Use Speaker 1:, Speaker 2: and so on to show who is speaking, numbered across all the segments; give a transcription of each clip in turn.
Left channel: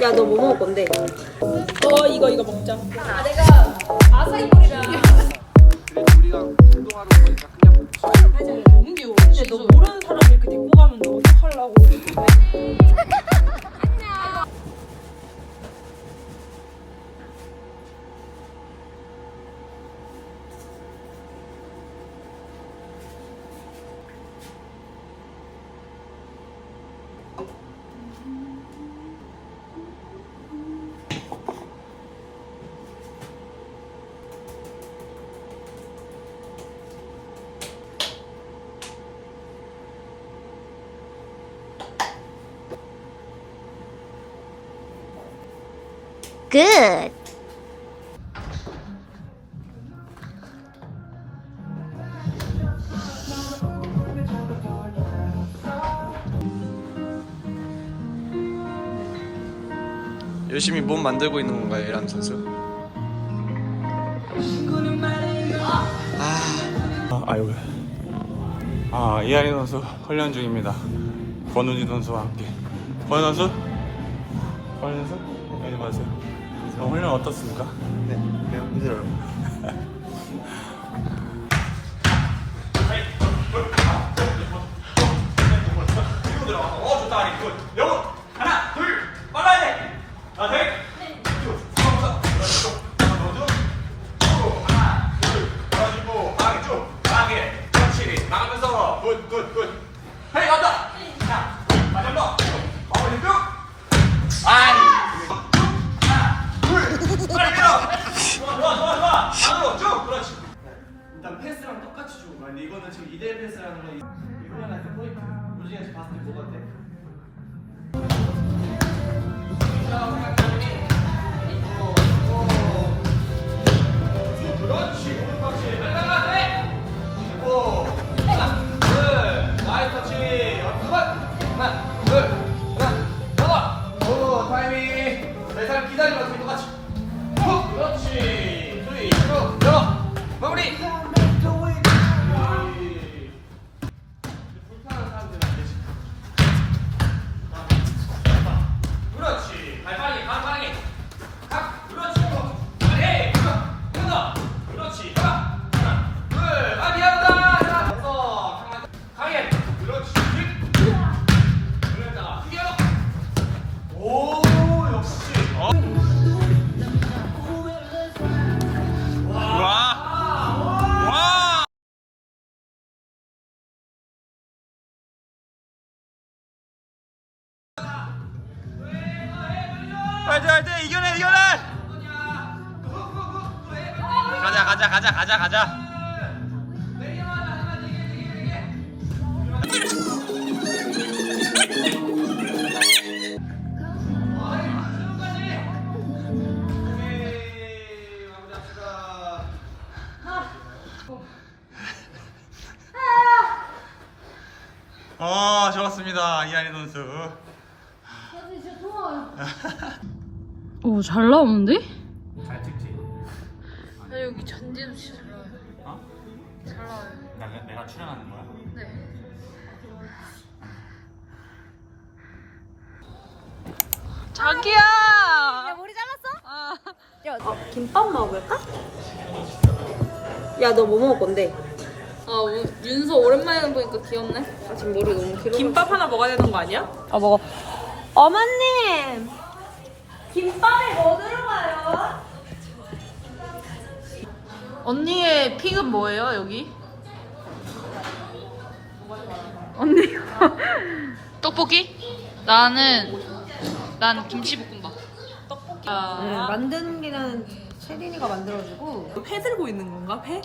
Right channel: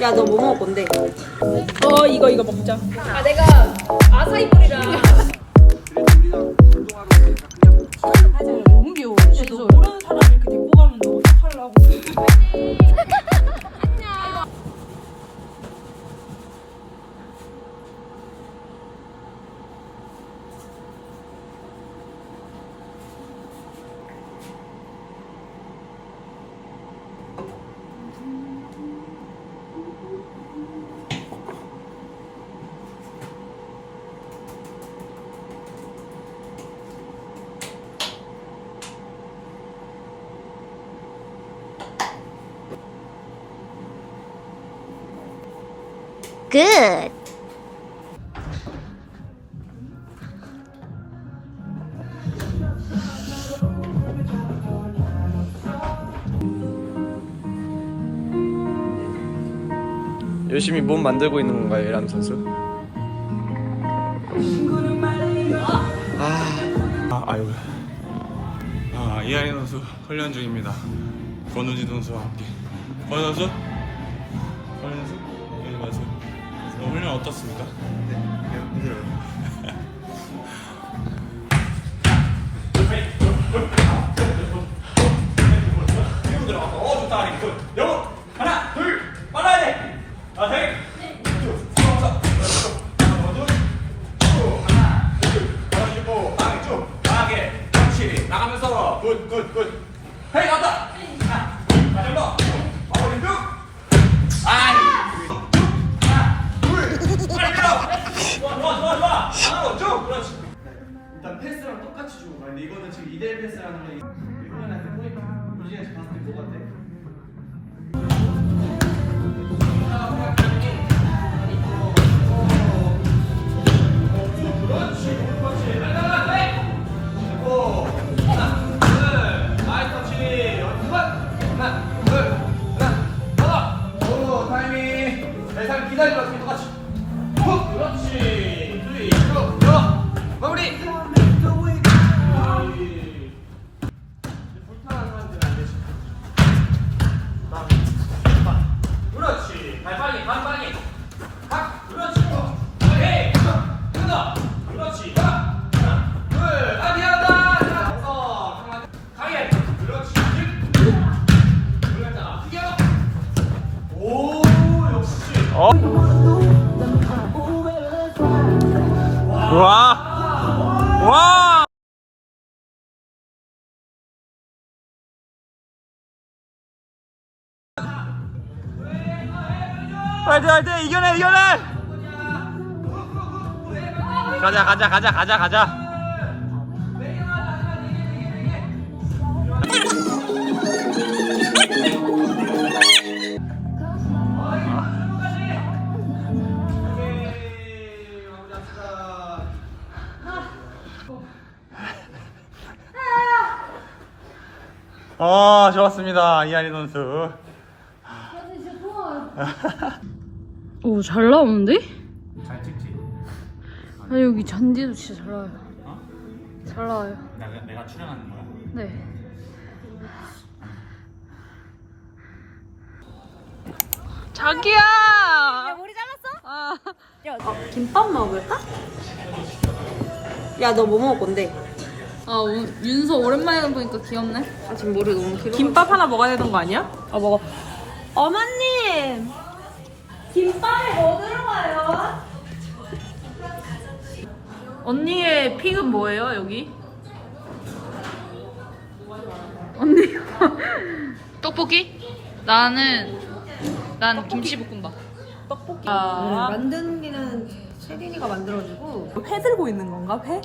Speaker 1: 야 너 뭐 먹을 건데?
Speaker 2: 어 이거 이거 먹자. 아 내가 아사이볼이랑. 너무 귀여워. 근데 너 모르는 사람 이렇게.
Speaker 3: Good.
Speaker 4: 열심히 몸 만들고 있는 건가요, 이람 선수? 아, 아 아유. 아, 이하린 선수 훈련 중입니다. 권우진 선수와 함께. 권우 선수? 권우 선수? 여기 마세요. 오늘 훈련 어떻습니까? 네, 매우 힘들어요.
Speaker 5: 일단 패스랑 똑같이 주고 가. 근데 이거는 지금 2대1 패스라는 거 이거는 약간 포인트. 로진이 봤을 때 뭐 같아?
Speaker 4: 화이팅 화이팅! 이겨내 이겨내! 가자 가자 가자 가자 가자. 어 좋았습니다 이한희 선수
Speaker 2: 오 잘 나오는데?
Speaker 4: 잘 찍지?
Speaker 2: 아 여기 잔디도 진짜 잘 나와요.
Speaker 4: 어?
Speaker 2: 잘 나와요.
Speaker 4: 내가, 내가 출연하는 거야?
Speaker 2: 네. 자기야. 야 머리 잘랐어? 아.
Speaker 1: 어, 김밥 먹을까? 야 너 뭐 먹을 건데?
Speaker 2: 아 오- 윤서 오랜만에 보니까 귀엽네.
Speaker 1: 아 지금 머리 너무 길어.
Speaker 2: 김밥 하나 먹어야 되는 거 아니야?
Speaker 1: 아 먹어. 어머님. 김밥에 뭐 들어가요?
Speaker 2: 언니의 픽은 뭐예요 여기? 언니 떡볶이? 나는 난 김치볶음밥. 떡볶이. 아,
Speaker 1: 만드는 게는 세린이가 만들어주고.
Speaker 2: 회 들고 있는 건가 회?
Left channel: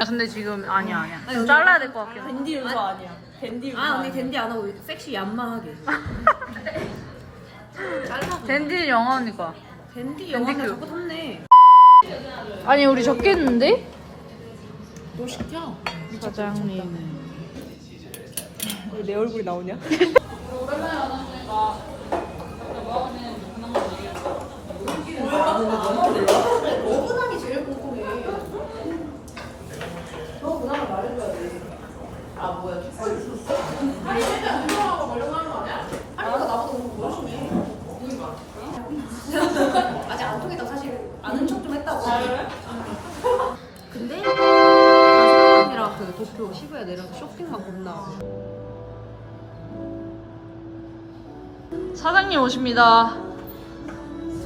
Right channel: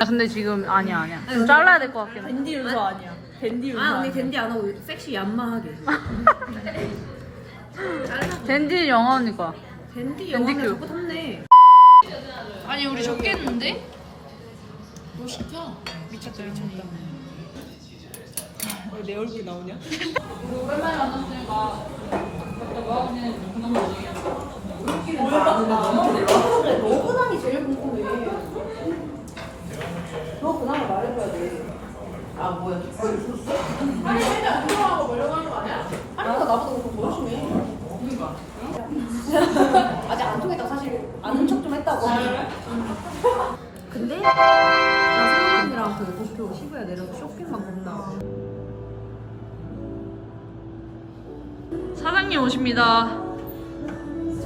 Speaker 2: 아, 근데 지금 아니야 아니야. 좀 잘라야 될 것 같긴 해.
Speaker 6: 밴디 윤서 아니야. 댄디
Speaker 1: 아 언니 댄디 안 하고 섹시 얌마하게
Speaker 2: 댄디 영화 언니가
Speaker 1: 댄디 영화는
Speaker 2: 큐.
Speaker 1: 자꾸 덥네
Speaker 2: 아니 우리 적겠는데?
Speaker 6: 뭐 시켜?
Speaker 2: 사장님.
Speaker 6: 내 얼굴이 나오냐?
Speaker 2: 뭐 뭐 너 그나마 말해줘야 돼. 까뭐 하고 있는지 그런 거 얘기해.
Speaker 1: 아직 안 통했다고 사실 아는 척 좀 했다고. 근데 나 사랑이랑 그 도쿄 시부야 내려서 쇼핑만 겁나.
Speaker 2: 사장님 오십니다.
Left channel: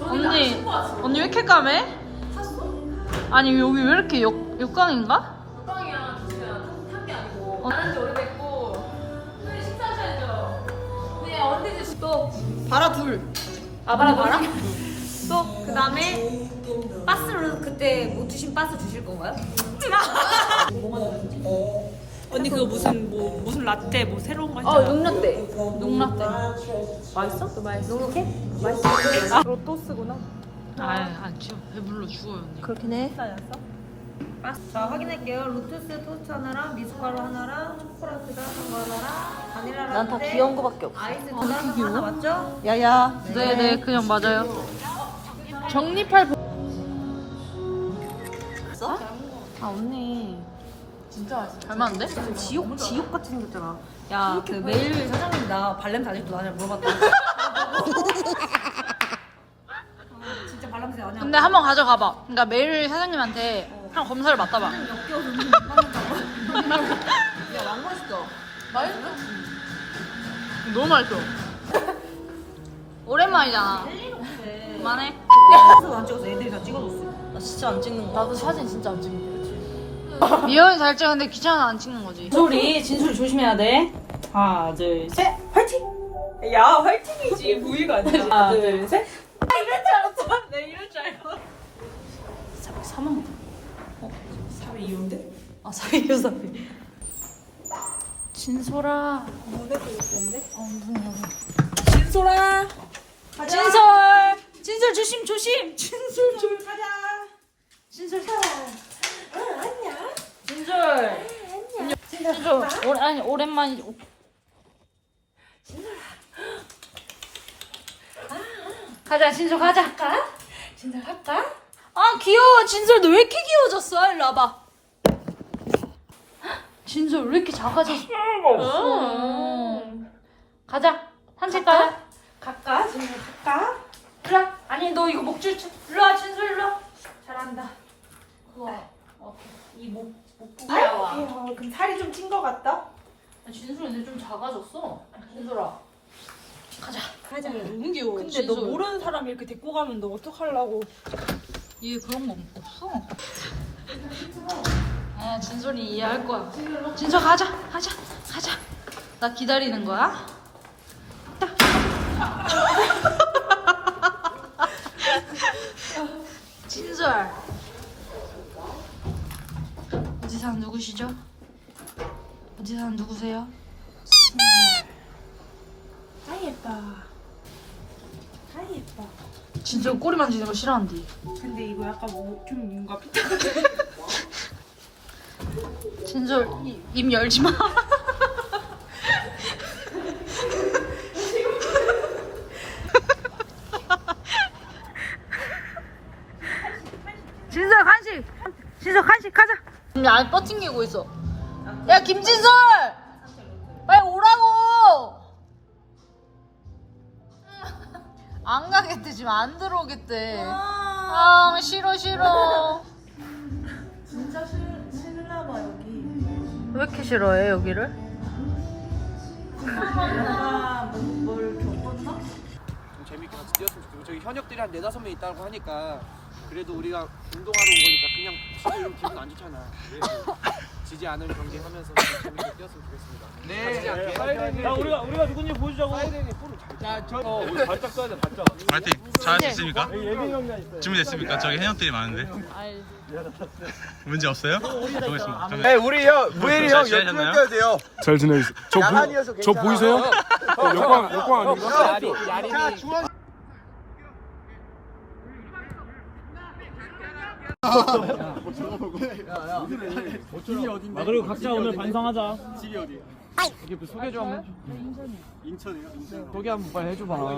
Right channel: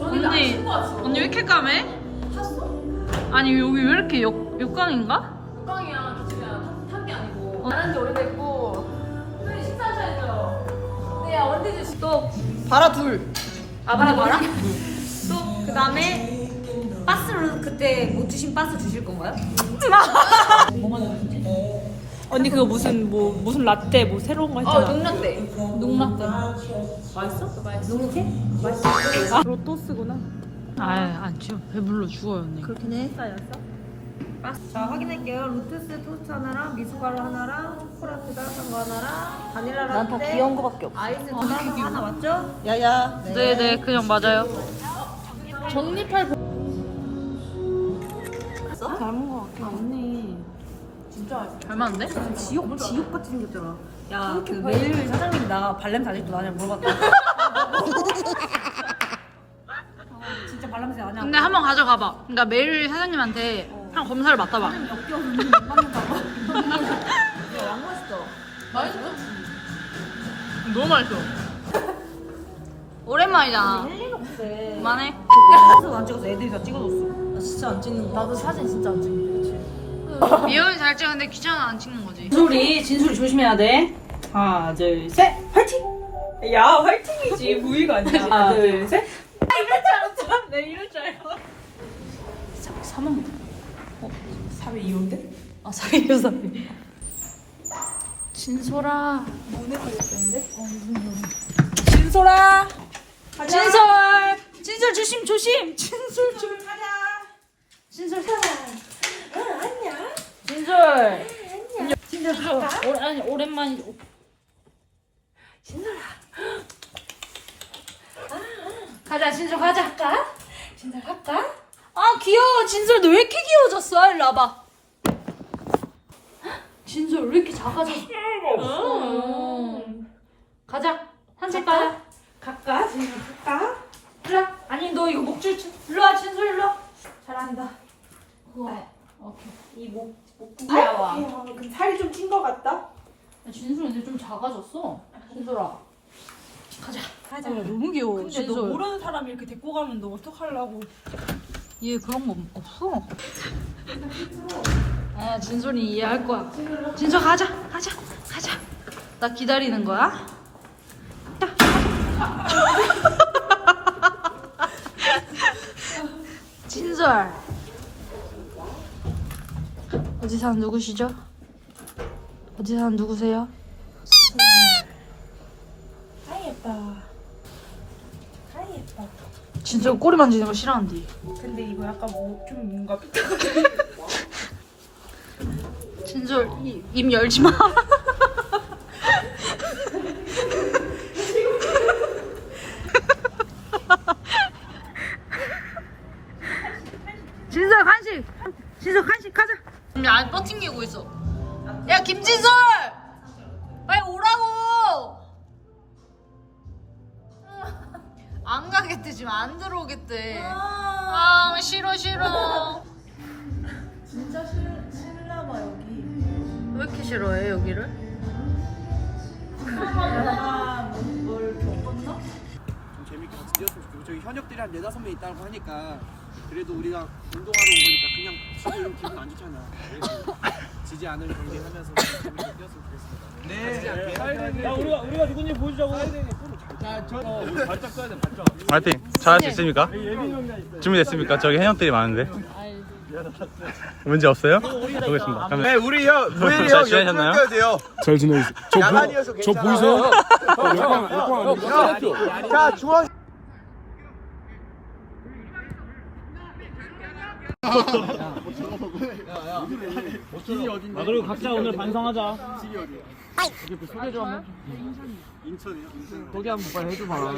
Speaker 2: 언니, 언니 왜 이렇게 까매? 탔어? 아니 여기 왜 이렇게 역, 역광인가?
Speaker 6: 꽝이야 그냥 아니고 안한지 오래됐고 선생님 식사하셔야죠 네 언제지
Speaker 1: 또 바라 둘. 아 바라 바라? 또 그다음에 바스를 그때 못 드신 바스 드실 건가요?
Speaker 6: 언니 그거 무슨 뭐 무슨 라떼 뭐 새로운 거 했잖아
Speaker 1: 녹는데.
Speaker 6: 녹라떼
Speaker 1: 누구게?
Speaker 6: 아 로또스구나
Speaker 2: 아, 아 진짜 배불러 죽어요 언니.
Speaker 1: 그렇긴 해. 자 확인할게요. 로투스 토스트 하나랑 미숫가루 하나랑 초콜릿 따뜻한 거 하나랑 바닐라 라떼. 난 다 귀여운 거밖에 없어. 아이스 따뜻한 거 하나 맞죠?
Speaker 6: 야야
Speaker 2: 네 네 그냥 맞아요.
Speaker 6: 정리팔
Speaker 1: 아 언니
Speaker 2: 잘 맞는데?
Speaker 1: 지옥 지옥 같이 생겼잖아. 야그 매일 사장님 나 발냄새 아직도 나냐 물어봤다. 아, 진짜 발냄새 나냐?
Speaker 2: 근데 한 번 가져가봐. 그러니까 매일 사장님한테 한 검사를 맡아봐.
Speaker 1: 역겨워서 눈이 못 맞는다고. 야 왕 맛있어.
Speaker 2: 너무 맛있어. 오랜만이잖아. 그만해.
Speaker 1: 그래서 안 찍어서 애들이 다 찍어줬어. 나 진짜 안 찍는 거. 나도 사진 진짜 안 찍는 거.
Speaker 2: 이현이 잘 찍는데 귀찮아 안 찍는 거지.
Speaker 6: 진솔이 진솔 조심해야 돼 하나 둘 셋 화이팅 야 화이팅이지 부위가 아니야 하나 둘 셋 이럴 줄 알았어 내 이럴 줄. 사위 이 혼데?
Speaker 2: 아 사귀. 진솔아.
Speaker 6: 진솔아
Speaker 2: 진솔. 진솔 조심 조심. 진솔 좀 가자. 진솔 가자. 진솔. 진솔. 오, 아니 오랜만이. 가자 진솔 가자 할까? 진솔 할까? 아 귀여워 진솔 너 왜 이렇게 귀여워졌어? 일로 와봐. 진솔 왜 이렇게 작아졌어? 어. 가자 산책 가자.
Speaker 6: 갈까? 진솔 갈까?
Speaker 2: 그래. 아니 너 이거 목줄 일로 와 진솔 일로 와. 잘한다. 우와. 오케이. 이목 목부야와.
Speaker 6: 그럼 살이 좀찐거 같다?
Speaker 2: 진솔 이제 좀 작아졌어. 진솔아. 가자.
Speaker 6: 가자 너무 귀여워 근데 너
Speaker 2: 진솔.
Speaker 6: 모르는 사람 이렇게 데리고 가면 너 어떡하려고
Speaker 2: 얘 그런 거 없어. 아 진솔이 이해할 거야. 진솔 가자 가자 가자. 나 기다리는 거야. 진솔. 어디 사는 누구시죠? 어디 사는 누구세요?
Speaker 6: 아이 예뻐 아이 예뻐
Speaker 2: 진솔 꼬리 만지는 거 싫어한대.
Speaker 6: 근데 이거 약간 뭐, 좀 뭔가
Speaker 2: 진솔 이- 입 열지 마. 진솔 간식. 진솔 간식 가자. 야, 안 버팅기고 있어. 야, 김진솔! 빨리 오라고! 안 가겠대, 지금 안 들어오겠대. 아, 싫어, 싫어. 싫어해, 여기를?
Speaker 5: 좀 재밌게 같이 뛰었으면 좋겠고 저기 현역들이 한 네다섯 명 있다고 하니까 그래도 우리가 운동하러 오니까 그냥 지금 기분 안 좋잖아 그래서 지지 않을 경기 하면서 좀 재밌게 뛰었으면 좋겠습니다
Speaker 3: 네야 우리가 우리가 누군지 보여주자고.
Speaker 5: 자저
Speaker 3: 어, 우리 발짝 써야 돼 발짝.
Speaker 4: 화이팅! 잘할 수 있습니까? 준비됐습니까? 저기 해녀들이 많은데 문제 없어요? 보겠습니다 그러면
Speaker 5: 네 우리 형 무일이
Speaker 4: 잘 지내셨나요?
Speaker 5: 돼요
Speaker 3: 잘 지내셨어요. 저,
Speaker 5: 야간이어서
Speaker 3: 보, 저
Speaker 5: 괜찮아.
Speaker 3: 보이세요? 역광 역광 아닌가?
Speaker 5: 자 중앙
Speaker 3: 아 그리고 각자 오늘 반성하자. 그 소개 좀 한번 인천이요? 소개 한번 빨리 해줘봐.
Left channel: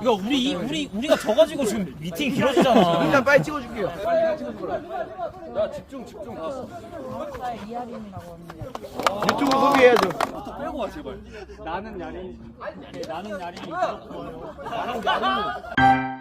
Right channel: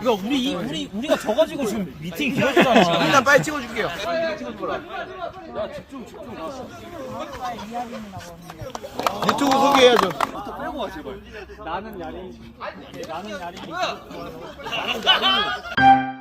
Speaker 3: 이거 우리 이- 우리 우리가 져가지고 지금 미팅 길어지잖아. 일단 빨리 찍어줄게요. 빨리 찍어줘라. 야 집중 집중. 유튜브 소개해야죠 빼고 와 제발. 나는 야린 나는 좋아요 나는
Speaker 2: 체린!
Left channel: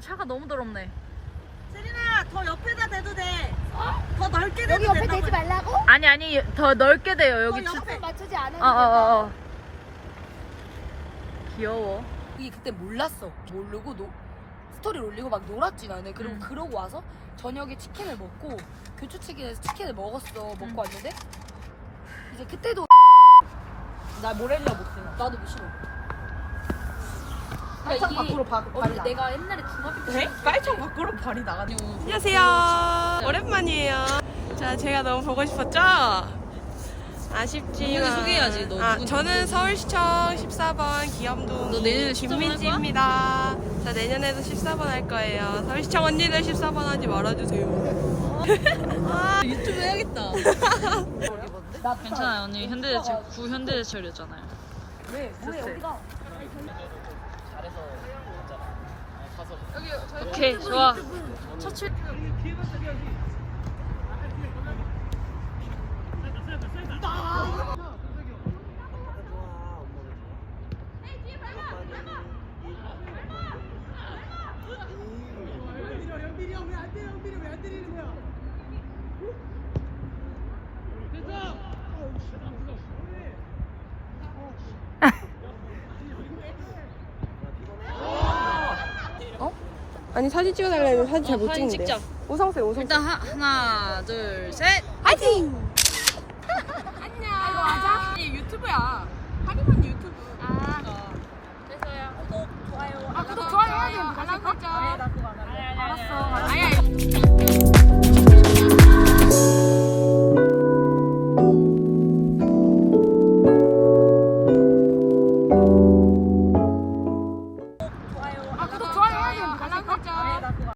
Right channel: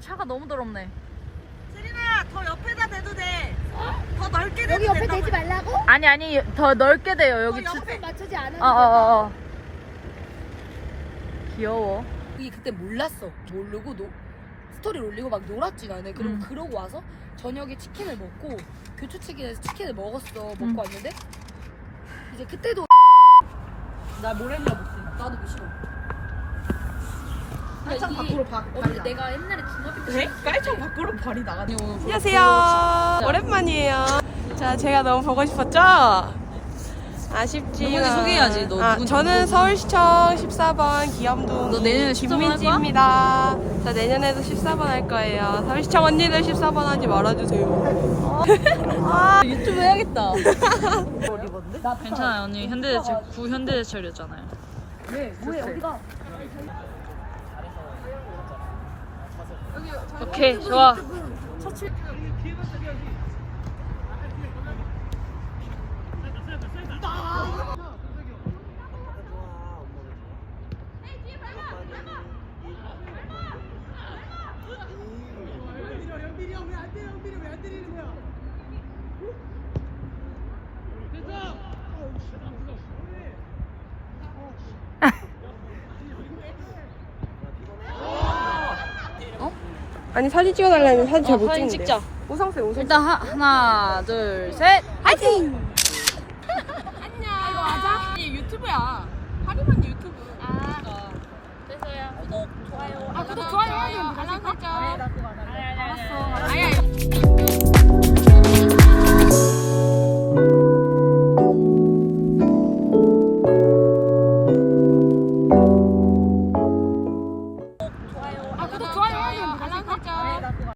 Speaker 2: 차가 너무 더럽네.
Speaker 7: 여기 옆에 대지 말라고?
Speaker 2: 아니 아니 더 넓게 돼요 여기 주.
Speaker 7: 옆에 맞추지 않은
Speaker 2: 어어어 어, 어. 귀여워.
Speaker 8: 이게 그때 몰랐어. 모르고 노, 스토리를 올리고 막 놀았지 나는. 그리고
Speaker 2: 음.
Speaker 8: 그러고 와서 저녁에 치킨을 먹고 교추치킨에서 치킨을 먹었어. 먹고
Speaker 2: 음.
Speaker 8: 왔는데 이제 그때도
Speaker 6: 나 모렐라 못해.
Speaker 8: 나도 못 싫어.
Speaker 7: 살짝 밖으로 바,
Speaker 8: 언니 내가 옛날에 중학교 때
Speaker 6: 네? 깔창 밖으로 발이 나가지고.
Speaker 9: 안녕하세요. 오랜만이에요. 자, 제가 너무 보고 싶었죠? 아쉽지만.
Speaker 8: 너
Speaker 9: 아. 저는 서울시청 14번 기염동
Speaker 8: 내년에 14번
Speaker 9: 김민지입니다. 저 내년에도 14번 할 거예요. 서울시청 언니들 14번 하지 말아주세요.
Speaker 6: 유튜브 해야겠다.
Speaker 2: 괜찮아요 언니 현대제철 구 현대제철이었잖아요. 좋대. 오케이 좋아.
Speaker 9: 아니, 사진 찍어달라니 사진 잘 못
Speaker 2: 사진
Speaker 9: 찍는데.
Speaker 2: 찍자.
Speaker 9: 우성쌤, 우성쌤.
Speaker 2: 일단 하, 하나 둘 셋.
Speaker 7: 파이팅!
Speaker 6: 유튜브야. 하리만 유튜브.
Speaker 7: 아 구독 좋아요 해야 되는데 알람 설정 알았어 알았어